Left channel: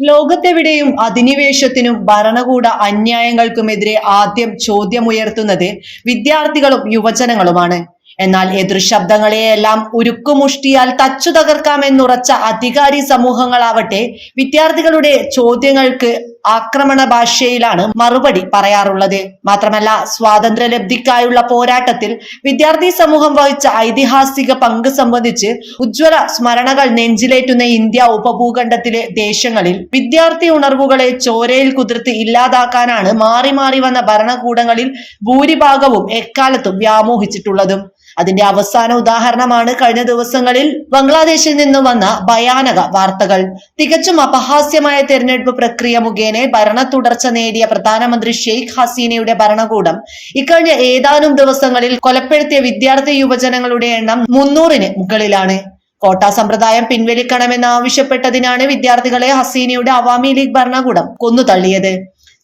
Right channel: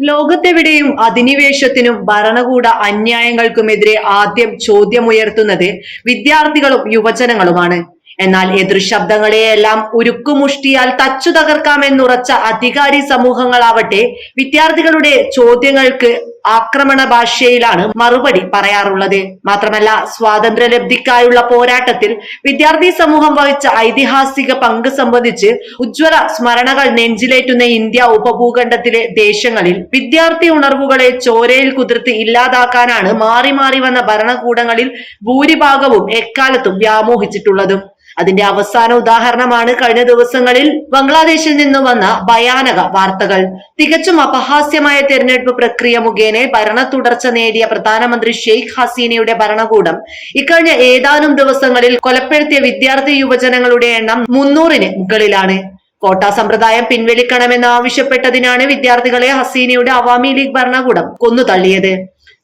ലോകത്തെവിടെയും അധിനിവേശത്തിനും ഭരണകൂട അന്യായങ്ങൾക്കുമെതിരെ ആദ്യം ചോദ്യമുയർത്തുന്നത് വിദ്യാർത്ഥികളും യുവജനങ്ങളുമാണ്. എന്നാൽ എതിർശബ്ദങ്ങളെയെല്ലാം ഉരുക്കുമുഷ്ടിയാൽ തച്ചു തകർക്കാമെന്നുറച്ച അധികാരി സമൂഹങ്ങളാവട്ടെ വിദ്യാർത്ഥികളുടെ ചോദ്യങ്ങൾക്ക് ആക്രമണ ഭാഷയിലാണ് മറുപടി പറയാറുള്ളത്. മാത്രമല്ല സ്വാതന്ത്ര്യലബ്ധിക്കായുള്ള പോരാട്ടത്തിൽ വിദ്യാർത്ഥി സമൂഹം വഹിച്ച ഐതിഹാസിക പങ്ക് സംബന്ധിച്ച് ഉജ്ജ്വല സ്മരണകൾ നെഞ്ചിലേറ്റുന്ന ഇന്ത്യ ഉപഭൂഖണ്ഡത്തിലെ ദേശങ്ങളിൽ വിദ്യാർത്ഥി ഉണർവുകളെ ചോരയിൽ കുതിർത്ത് ഇല്ലാതാക്കാനാണ് മാറി മാറി വന്ന ഭരണകൂടങ്ങളിൽ ഭൂരിഭാഗവും എക്കാലത്തും വ്യാമോഹിച്ചിട്ടുള്ളതും. അതിന്റെ അവസാന ഉദാഹരണമാണ് കഴിഞ്ഞ ദിവസങ്ങളിൽ ബംഗ്ലാദേശിൽ നിന്ന് വന്ന ഭയാനക വാർത്തകൾ. തികച്ചും അപഹാസ്യമായ തെരഞ്ഞെടുപ്പ് പ്രക്രിയ മുഖേന ഭരണ തുടർച്ച നേടിയ പ്രധാനമന്ത്രി ഷെയ്ഖ് ഹസീനയുടെ ഭരണകൂടം ഇക്കഴിഞ്ഞ ഏതാനും ദിവസങ്ങളിൽ കൊലപ്പെടുത്തിയ വിദ്യാർത്ഥി യുവജനങ്ങളുടെ എണ്ണം മുന്നൂറിന് മുകളിലാണ്. കോട്ടാ സമ്പ്രദായം പിൻവലിക്കണമെന്ന് ആവശ്യപ്പെട്ടതിനാണ് വിദ്യാർത്ഥികളെ ഹസീനയുടെ അവാമി ലീഗ് ഭരണകൂടം കൊന്നുതള്ളിയത്.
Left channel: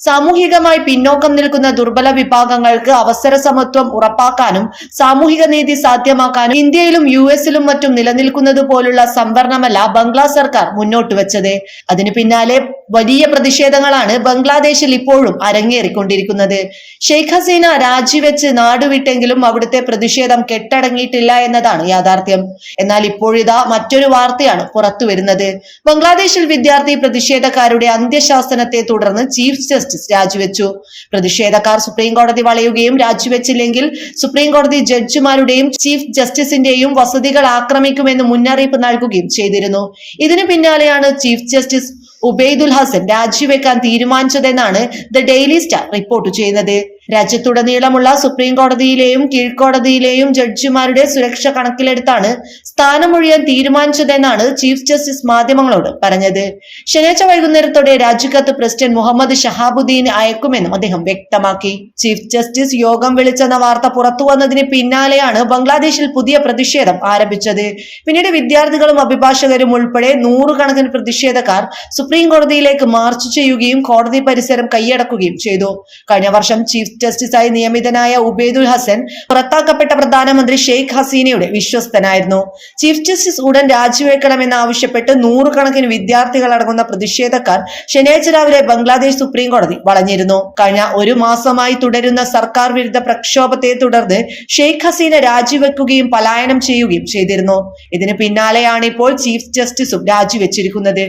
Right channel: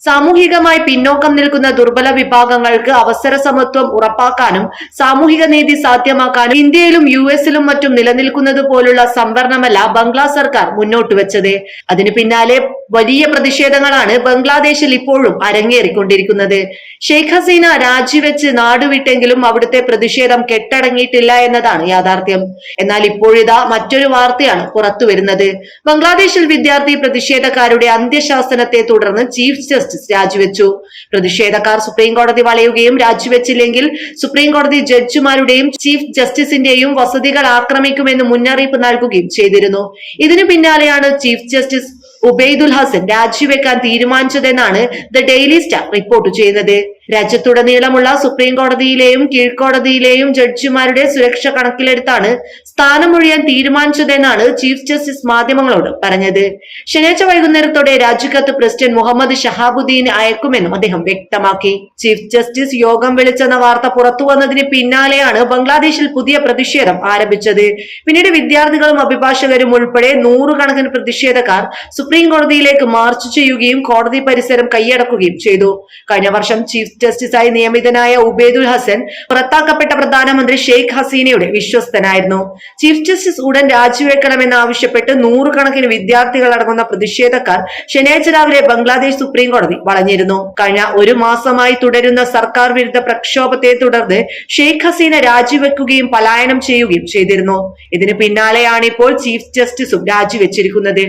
സാമൂഹികമായി പിന്നോക്കം നിൽക്കുന്ന ദുർബല വിഭാഗങ്ങൾക്ക് അവസര സമത്വം ഉറപ്പാക്കാനും സാമൂഹിക നീതി സാധ്യമാക്കാനും ഇന്ത്യയിലും യു എസിലും മറ്റും നിലനിൽക്കുന്നത് പോലുള്ള സംവരണമല്ല ബംഗ്ലാ സർക്കാർ മുന്നോട്ട് വെച്ചത്. അതിനു പിന്നാലെ വലിയ പ്രതിഷേധങ്ങളാണ് ബംഗ്ലാദേശിൽ ഇപ്പോഴും അരങ്ങേറിക്കൊണ്ടിരിക്കുന്നത്. ഷെയ്ഖ് ഹസീന രാജിവെച്ച് നാടുവിട്ടെങ്കിലും അവിടുത്തെ പ്രതിഷേധം കെട്ടടങ്ങിയിട്ടില്ല എന്നതാണ് യാഥാർത്ഥ്യം. എന്നാൽ ഇപ്പോഴിതാ മറ്റൊരു വാർത്തയാണ് പുറത്തുവരുന്നത്. ബംഗ്ലാദേശിൽ വിദ്യാർത്ഥി പ്രതിഷേധക്കാരുടെ അന്ത്യശാസനത്തെ തുടർന്ന് ചീഫ് ജസ്റ്റിസ് രാജിവെച്ചു. പ്രതിഷേധക്കാർ സുപ്രീം കോടതി വളയുകയും രാജിവെച്ചില്ലെങ്കിൽ സുപ്രീം കോടതി ജഡ്ജിമാരുടെയും ചീഫ് ജസ്റ്റിസിന്റെയും വസതികൾ ആക്രമിക്കുമെന്ന് മുന്നറിയിപ്പ് നൽകുകയും ചെയ്തിരുന്നു. ഇതിനു പിന്നാലെയാണ് ചീഫ് ജസ്റ്റിസ് ഉബൈദുൽ ഹസൻ രാജിവെക്കാൻ തീരുമാനിച്ചതെന്നാണ് ദ ഡെയിലി സ്റ്റാർ റിപ്പോർട്ട് ചെയ്യുന്നത്. രാജ്യത്തുടനീളമുള്ള സുപ്രീം കോടതിയിലെയും കീഴ്ക്കോടതിയിലെയും ജഡ്ജിമാരുടെ സുരക്ഷ കണക്കിലെടുത്താണ് സ്ഥാനമൊഴിയാൻ തീരുമാനിച്ചതെന്നാണ് ചീഫ് ജസ്റ്റിസ് മാധ്യമങ്ങളോട് പറഞ്ഞത്. ശനിയാഴ്ച വൈകുന്നേരത്തോടെ രാജിക്കത്ത് പ്രസിഡന്റ് മുഹമ്മദ് ഷഹാബുദ്ദീൻ അയക്കുമെന്നും അദ്ദേഹം വ്യക്തമാക്കി. ചീഫ് ജസ്റ്റിസ് യോഗം വിളിച്ചെന്ന വാർത്ത പുറത്തു വന്നതിന് പിന്നാലെയാണ് ബംഗ്ലാദേശിൽ പുതിയ പ്രതിഷേധം ആരംഭിച്ചത്. പിന്നീട് വിദ്യാർത്ഥികളും അഭിഭാഷകരും ഉൾപ്പെടെ നൂറുകണക്കിന് പ്രതിഷേധക്കാർ സുപ്രീം കോടതിയിലേക്ക് മാർച്ച് ചെയ്യുകയും കോടതി പരിസരം കൈയടക്കുകയും ചെയ്തു. കഴിഞ്ഞ വർഷം ചീഫ് ജസ്റ്റിസായി നിയമിതനായ ഉബേദുൽ ഹസൻ പുറത്താക്കപ്പെട്ട പ്രധാനമന്ത്രി ഷെയ്ഖ് ഹസീനയുടെ വിശ്വസ്തനായിരുന്നു. ചീഫ് ജസ്റ്റിസ് ഉടൻ രാജിവെക്കണമെന്ന് ആവശ്യപ്പെട്ട് നൂറുകണക്കിന് വിദ്യാർത്ഥികൾ അടങ്ങുന്ന പ്രതിഷേധക്കാർ ശനിയാഴ്ച രാവിലെ ബംഗ്ലാദേശ് സുപ്രീം കോടതി വളഞ്ഞിരുന്നു. കഴിഞ്ഞ ഒരു മാസമായി തുടരുന്ന സർക്കാർ വിരുദ്ധ പ്രക്ഷോഭത്തെ തുടർന്ന് ഷെയ്ഖ് ഹസീന രാജിവെക്കുകയും പലായനം ചെയ്യുകയും ചെയ്തിരുന്നു. ഇതിന് പിന്നാലെയാണ് ഇപ്പോൾ ചീഫ് ജസ്റ്റിസും രാജിവെച്ചിരിക്കുന്നത്.